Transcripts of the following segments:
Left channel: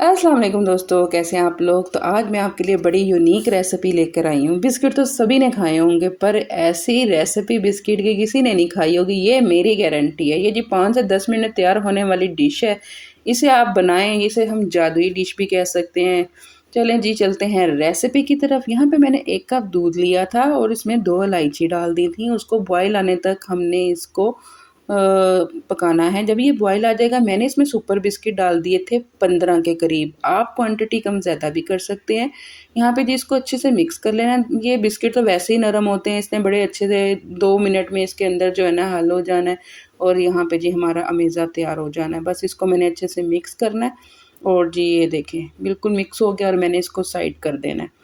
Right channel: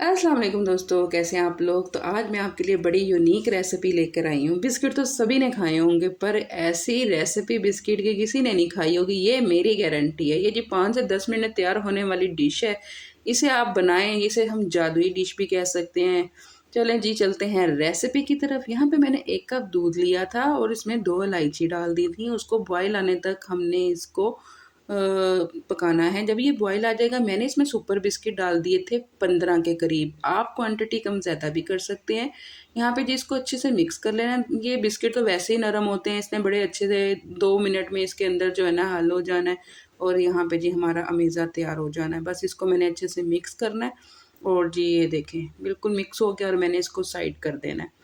अस्सलाम वालेकुम दोस्तों, कैसे हैं आप लोग। तो आज मैं आपके लिए बड़ी यूनिक रेसिपी लेकर आई हूँ। बिस्किट तो सभी ने खाए होंगे, पर ऐसी रेसिपी बिस्किट की किसी ने नहीं खाई होगी, ये मेरी गारंटी है। ये जी 5 से 10 मिनट में तैयार होने वाली डिश है। इसे आप बनाएं, इसे हम जादुई डिश भी कह सकते हैं। चलें जी, चलते हैं रेसिपी की तरफ। यहाँ पे मैंने 1 कप दूध लिया था और इसमें 2 इलायची डाल दी थी। उसको बॉयल आने तक हमने इसको पकाना है। जब ये बॉयल आ जाएगा, मैंने इसमें सुपर बिस्किट डाल दिए थे 15 के करीब। आप क्वांटिटी कम ज़्यादा भी कर सकते हैं। यहाँ पे जी इसको अच्छे से मिक्स कर लेना है। ये बिस्किट तो वैसे ही नरम होते हैं, इसने बड़े अच्छे से 2 मिनट में इसके अंदर जो है ना हल हो जाना है और यहाँ पे जी हमारा अमेज़ा तैयार हो जाना है। बस इसको मैंने अच्छे से मिक्स करना है और जी ये देखें बिल्कुल मिक्स हो गया और मैंने इसको साइड कर देना है।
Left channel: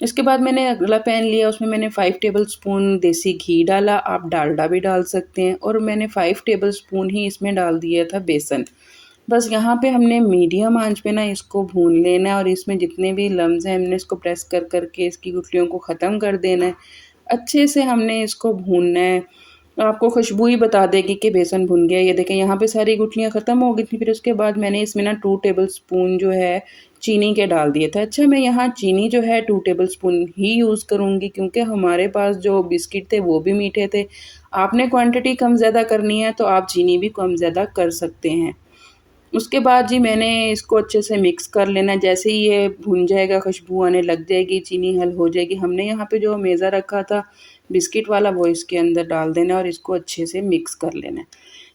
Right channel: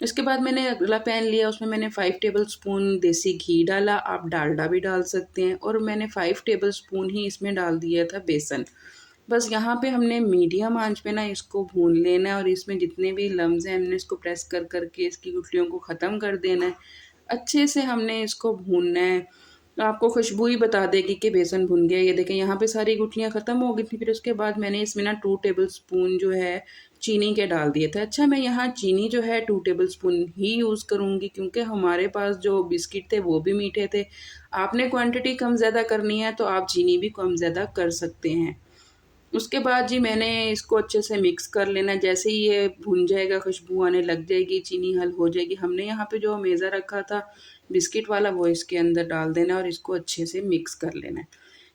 इसके बाद मैंने अगला पैन लिया, उसमें मैंने 5 टेबलस्पून देसी घी डाला। आप डालडा भी डाल सकते हैं और मैंने 5 टेबलस्पून ही इसमें डाल दिया था बेसन। बस यहाँ पे हमने मीडियम आंच पे ना इसको भून लेना है और इसमें जितने भी लम्स हैं हमने इसको प्रेस कर कर के इसकी गुठलियों को ख़त्म कर देना है। अच्छे से हमने इसको भूनना है। आपको खुशबू ही बता देगी कि बेसन भुन गया। ये देखें यहाँ पे सारी गुठलियाँ ख़त्म हो गई थी। फिर उसके बाद मैंने इसमें ना 2 टेबलस्पून जो है चीनी के डाल दिए थे। अच्छा, मैं यहाँ चीनी जो है 2 टेबलस्पून ही यूज़ करूँगी क्योंकि हमारे पास जो बिस्किट थे वो भी मीठे थे। आपने क्वांटिटी कम ज़्यादा करनी है तो आप चीनी भी कम ज़्यादा कर सकते हैं। उसके बाद जी मैंने इसको अच्छे से मिक्स कर लेना। जैसे ही ये भुन जाएगा, खुशबू आने लग जाएगी, चीनी हल हो जाएगी, हमने यहाँ पे जो मेज़ा रखा था बिस्किट वाला वो इसके अंदर डाल देना और इसको अच्छे से मिक्स कर लेना है।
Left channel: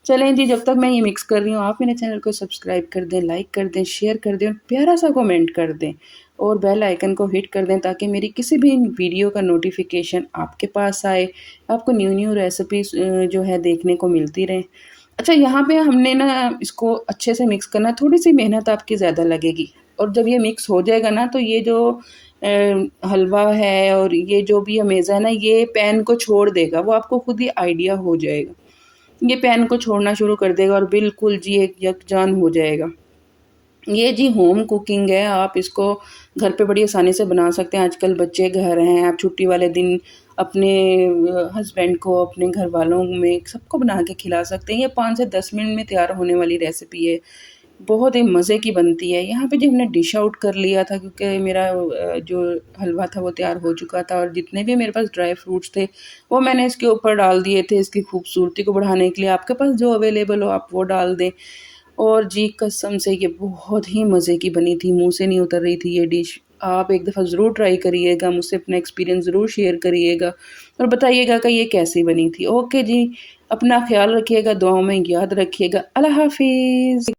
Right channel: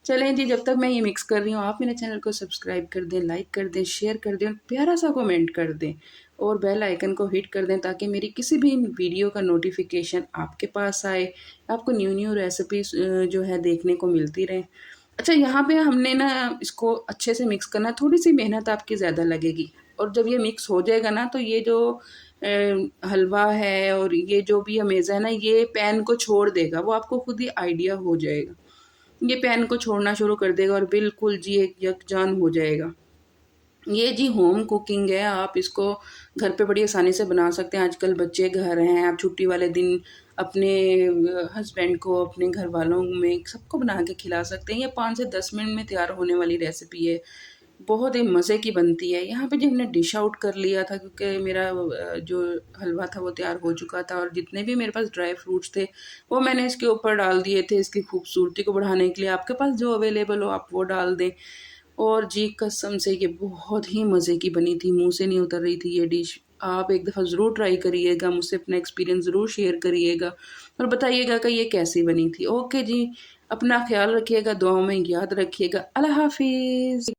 चलें जी, जब तक मैं ये मिक्स कर रही हूँ आप मेरे चैनल को सब्सक्राइब कर दें, लाइक कर दें, शेयर कर दें और प्यारा सा कमेंट कर दें और बेल आइकन को हिट कर दें ताकि मेरी किसी भी वीडियो का नोटिफिकेशन आपके पास आए, आपको न्यू न्यू रेसिपीज़ जो है देखने को मिलती रहें। अच्छा, यहाँ पे हमने ना इसको अच्छे से मिक्स करना है। थोड़ी सी मेहनत आपकी ज़्यादा लगेगी और जब ये मिक्स हो जाएगा ना तो ये जो हलवा है और ये जो भी अमेज़ा है ना, ये पैन को छोड़ देगा। वो आपको खुद ही आइडिया हो जाएगा। ये पैन को छोड़ना शुरू कर देगा और बिल्कुल जी एक यकजान हो जाएगा। ये जी होम कुकिंग है, आप इसको घर पे बड़ी आसानी से बना सकते हैं। आजकल बच्चे घर हैं, आप छुट्टी वाले दिन अपने हस्बैंड को, अपने घर वालों में सबको बना के खिला सकते हैं। ये 5 से 10 मिनट में तैयार होने वाली रेसिपी है। बहुत ही मज़े की बनती है। यहाँ पे जी हमने डिश आउट कर लिया था क्योंकि मेरा जो हलवा था वो तैयार हो चुका था और जितने भी मेरे पास ड्राई फ्रूट्स थे वो मैंने इसके ऊपर डाल दिए थे इसकी खूबसूरती को बढ़ाने के लिए। आपके पास जो अवेलेबल हो आप वो डाल दें। और जी कसम से ये बहुत ही मज़े की बनी थी, मुँह से नहीं उतर रही थी ये डिश। आप एक दफ़ा ज़रूर ट्राई करिएगा, मुझसे अपना एक्सपीरियंस ज़रूर शेयर करिएगा और बताइएगा कि ये कैसी बनी थी। ओके जी, अपना ख़्याल रखिएगा, दुआओं में याद रखिएगा। अल्लाह हाफ़िज़।